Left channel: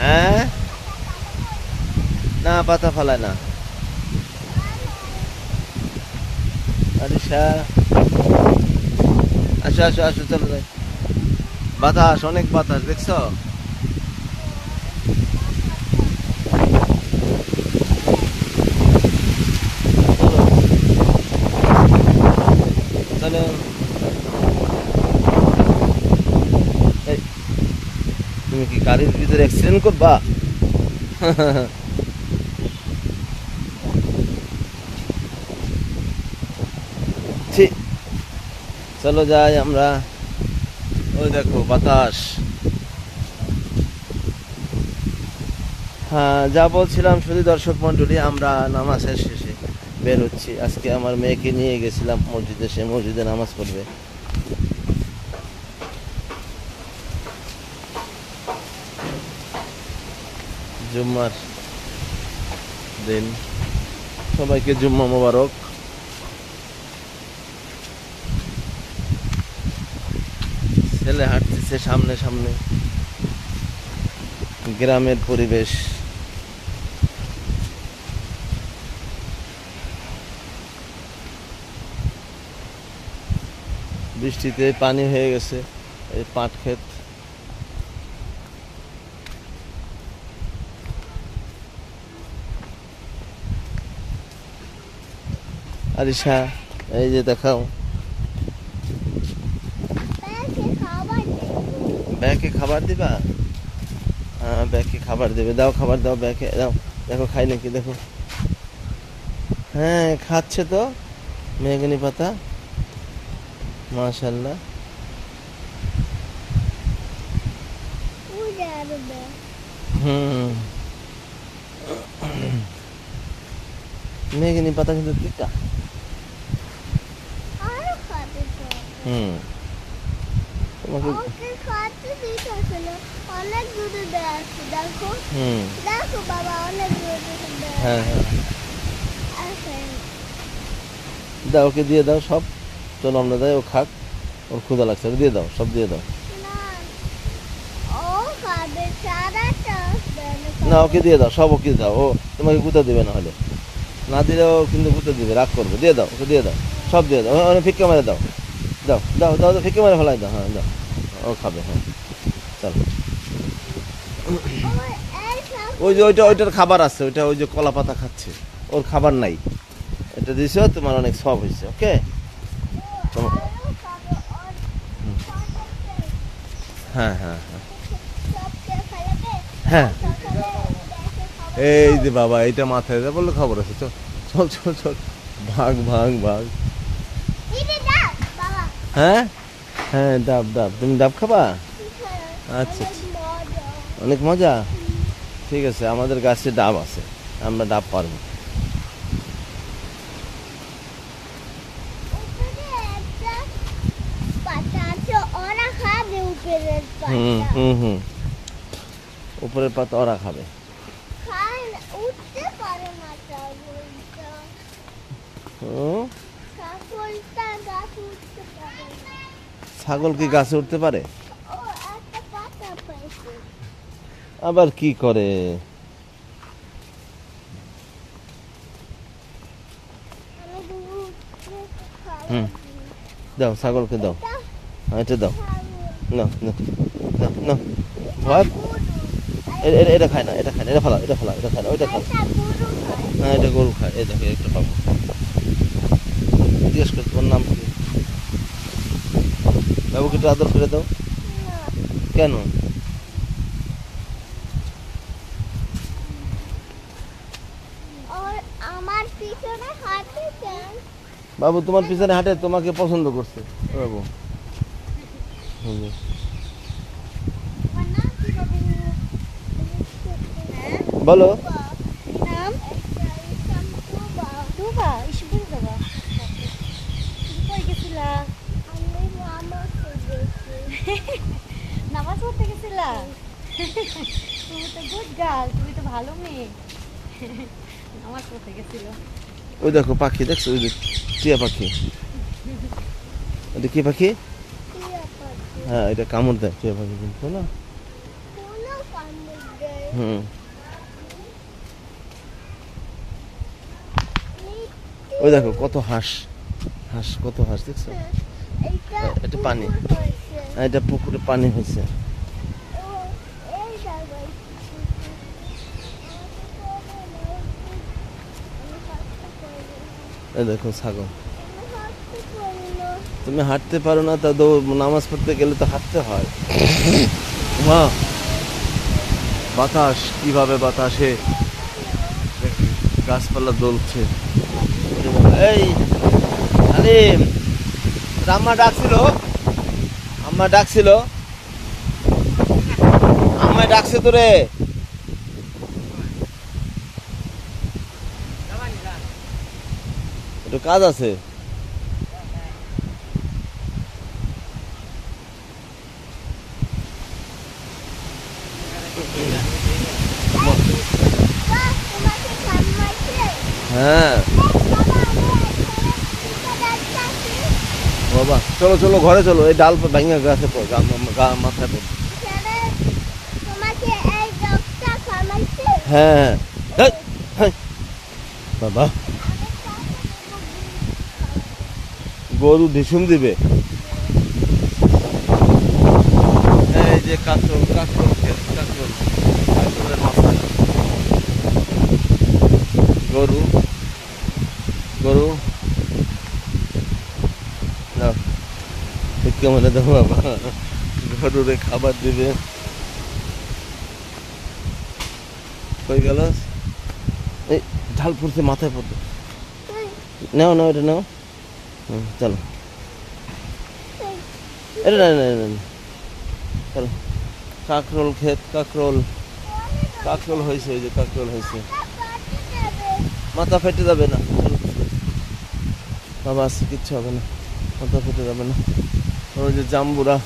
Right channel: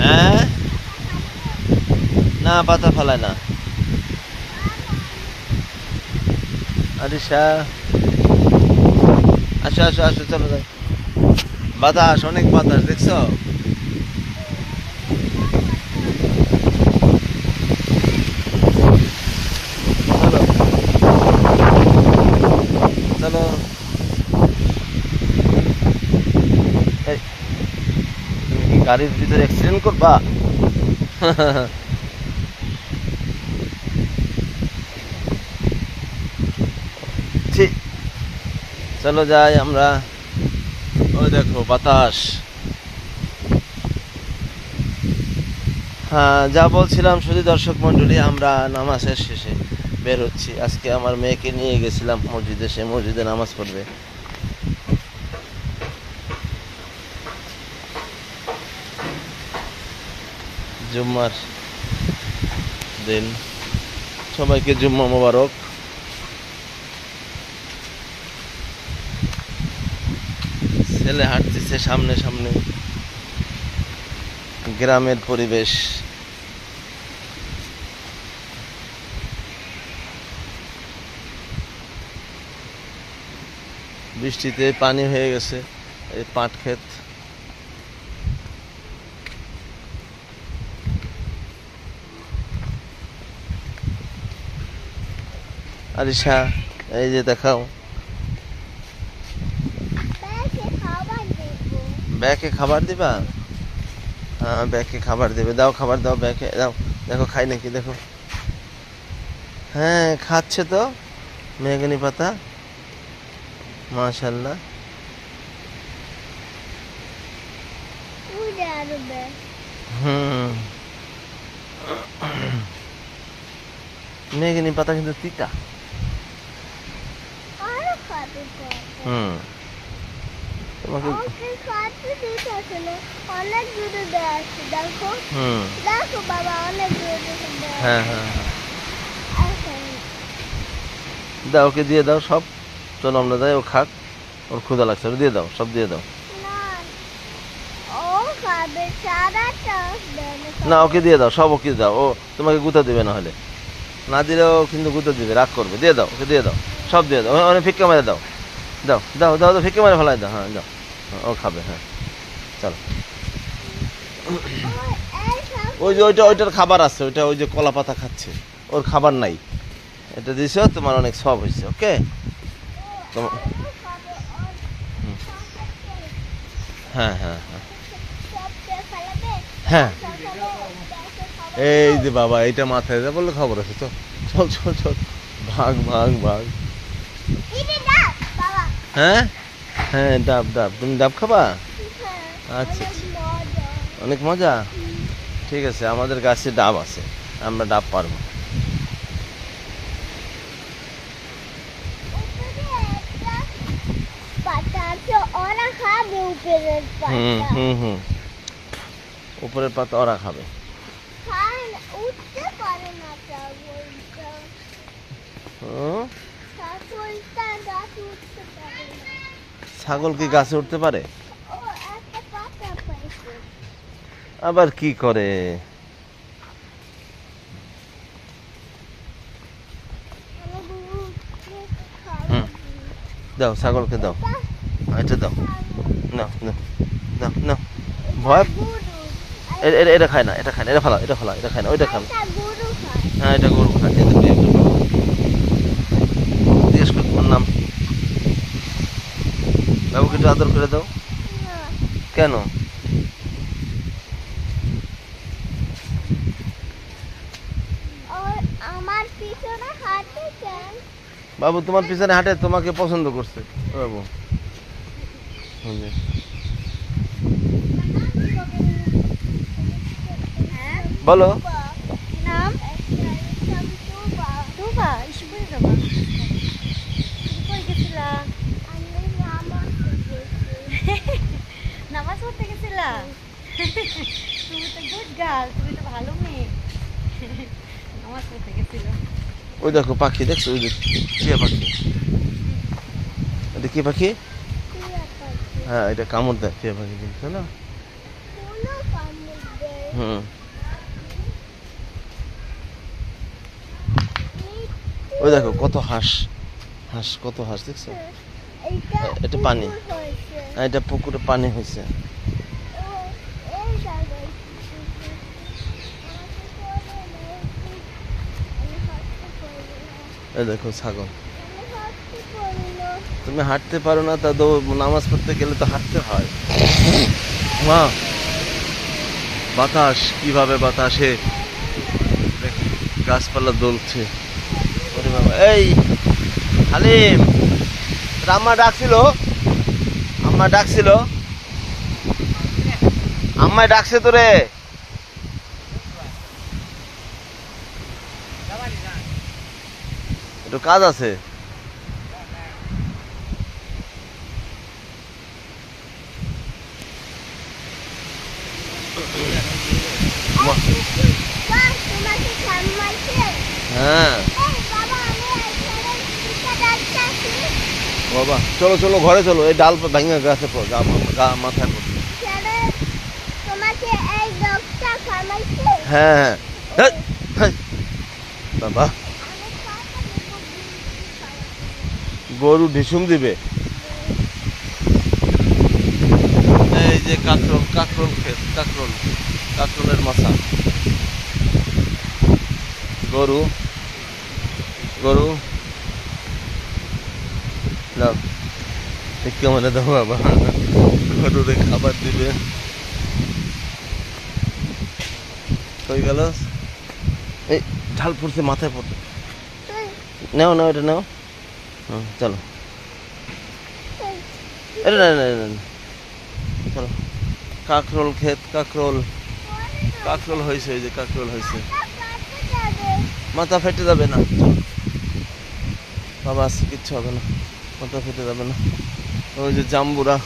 হ্যাঁ না পাতা ফালায় না। আরিশা আসো আসো আসো চলো যাই। বাতাস অনেক বাতাস দেখছো। চলো চলো এই, তুমি কি গাড়ির ভিতরে অ্যাক্সিডেন্ট করবা? ছি, চলো যাই আমরা। ওই দেখো বাতাস। হ্যাঁ যা বলছিলাম শুধু দর্শক মন্ডলী, আমরা নামাজের শেষে বের হচ্ছি। আজকে আমার মেয়েকে নিয়ে গেছিলাম মসজিদে, সে মসজিদে নামাজ পড়বে। জুম্মার দিন, সবাইকে জুম্মা মোবারক। ছেলে হাঁটতেছে সামনে সামনে, গ্রামের পরিবেশ। বৃষ্টিতে পানি হয়ে গেছে এই পাট ক্ষেত। আরিশা এই যে দেখাও, ব্যাকে খাবার দিবা? হ্যাঁ ব্যাকে খাবার দেবে, দাও খাবার দাও, ব্যাকে দাও। দেখো খাই নাকি দেখো। হ্যাঁ খাচ্ছে তো মেহগনি পাতা, মাশাআল্লাহ। হুম মেহগনি পাতা কিন্তু তিতা। হুম তোমাকে অনেক দূরে আছে দেখো। হুম দেখো বাবা অনেক দূরে। হ্যাঁ হ্যাঁ দাও, ওকে দিয়ে দাও সব। তো আমরা দেয় ও খাক, ওর ক্ষুধা লাগছে, দিয়ে দাও সব দিয়ে দাও। ও খাবে সারাটা। না ওকে দিয়ে দাও সব, ওকে দাও, ও তোমাকে গুঁতা দিবে, না হলে না দিলেও কিন্তু গুঁতা দিবে, রাগ করবে। দিয়ে দাও ওকে, দিয়ে দাও সব দিয়ে দাও, অনেক ফিক্কা মেরে দাও। দাও দাও দাও দাও ফিক্কা মেরে ফেলাই দাও। হ্যাঁ দাও, ও খাবে। হ্যাঁ চলো। ওই যে ওইটার খাবার আছে, ওইটা ওই যে কলা পাতা খাচ্ছে, ওর খাবার নাই। এটা দিছো তোমার, অনেক সব হয়েছে। ওকে হ্যাঁ হ্যাঁ হ্যাঁ হ্যাঁ এই যে বাবা এইটা মাথায় যা বললে খবর আছে। চল চল চল চল, ভাগ ভাগ ভাগ। হ্যাঁ হ্যাঁ ডাব ডাব, তুমি ডাব খাবা? আচ্ছা অনেক মজা। ঠিক আছে আমাদের গাছে ডাব আছে, আমরা ডাব পারবো। হুম হুম হুম উপরের পাতা ওরা খাবে। ছাগল কি গাছে উঠতে পারে? আবার কি করে? হুম দাও ছাগলকে দাও, এটা দাও, না না না না ভয়। এটা খায় না, এটা খায় না, এটা ফালা, এটা ফালা, এটা খায় না, ওইটা খাবে। হ্যাঁ এটা গরু খায়। এটা জিজ্ঞেস কর তোমার নাম কি? বাবুকে একটু আদর করে দাও। কেন? বাবু তোমার পিছনে হাঁটে, তোমাকে পছন্দ করছে বাবু। বলো নাম টুবা। ইসপুরে যাবা? কই গেছিলা? আমি নামাজ পড়তে গেছিলা? তুমি তো গুড গার্ল, তুমি তো ভালো মেয়ে। নামাজ পড়তে গেছিল। ওই দেখো পাখি দেখছো, ওই যে টিয়া পাখি। এটা কি পাখি? হ্যাঁ এটা কামড় দেয় টিয়া পাখি, কিন্তু না হুম, ওই দেখো কত হাঁস, হাঁস কত হাঁস দেখছো? এটা পানি, এটা পুকুরে পানি হয়েছে। এই দেখো ছাগল। তুমি হাঁটতে পারো না, তা তো নামাজ পড়তে গেলে তো হাঁটতে হয়। মা, বাতাস কিভাবে বাতাসে গাছপালা দোলছে। ওরে বাবা, এই হালিম, আম্মা ডাকছিল, আম্মা ডাকছিল, আম্মা ডাকছে তোরে। একটু কাজ আছে। হ্যাঁ বাবা, চলো চলো ঘরে চলো, এই ডাল ভাঙা গাছে মাথায় পড়ছে। হ্যাঁ হ্যাঁ, হ্যাঁ। বাবা, গরু ঢিসুম দিবে। এই যে কাকরোল, কাকরোল ক্ষেত, কাকরোল, কাকরোলের মাথা। গরু, গরু নাও, কেমন দেখো বাবা, গরুরে খাবার দিবে। হয়ে গেল, এই ঢাল পড়ছে মাথায় পড়ছে। নাও নাও, এটা নাও। হুম, চলো, এটা না না না, চলো। কাকরোল ক্ষেত, কাকরোল, কাকরোল হয়েছে, এই যে কাকরোল হয়েছে। মাথা ফেটে যাবে না, চলো বাবা, আছে কিচ্ছু হবে না, মাথা ফেটে যাবে না। ওই যে জাম্বুরা,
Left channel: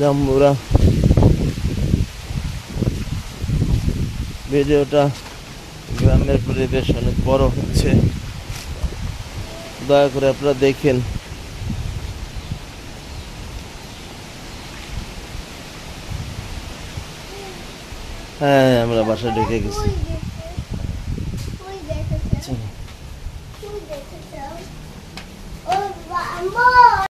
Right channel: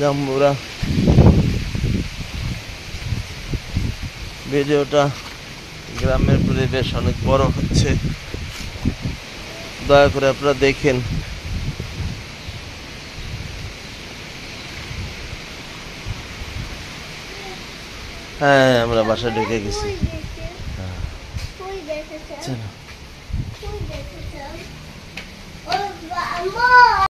জাম্বুরা। ভিডিওটা, গ্রামের পরিবেশ অনেক বড় হচ্ছে, দয়া করে আপনারা দেখেন। হ্যাঁ, আমরা বাসায় দেখে গেছি। চলো।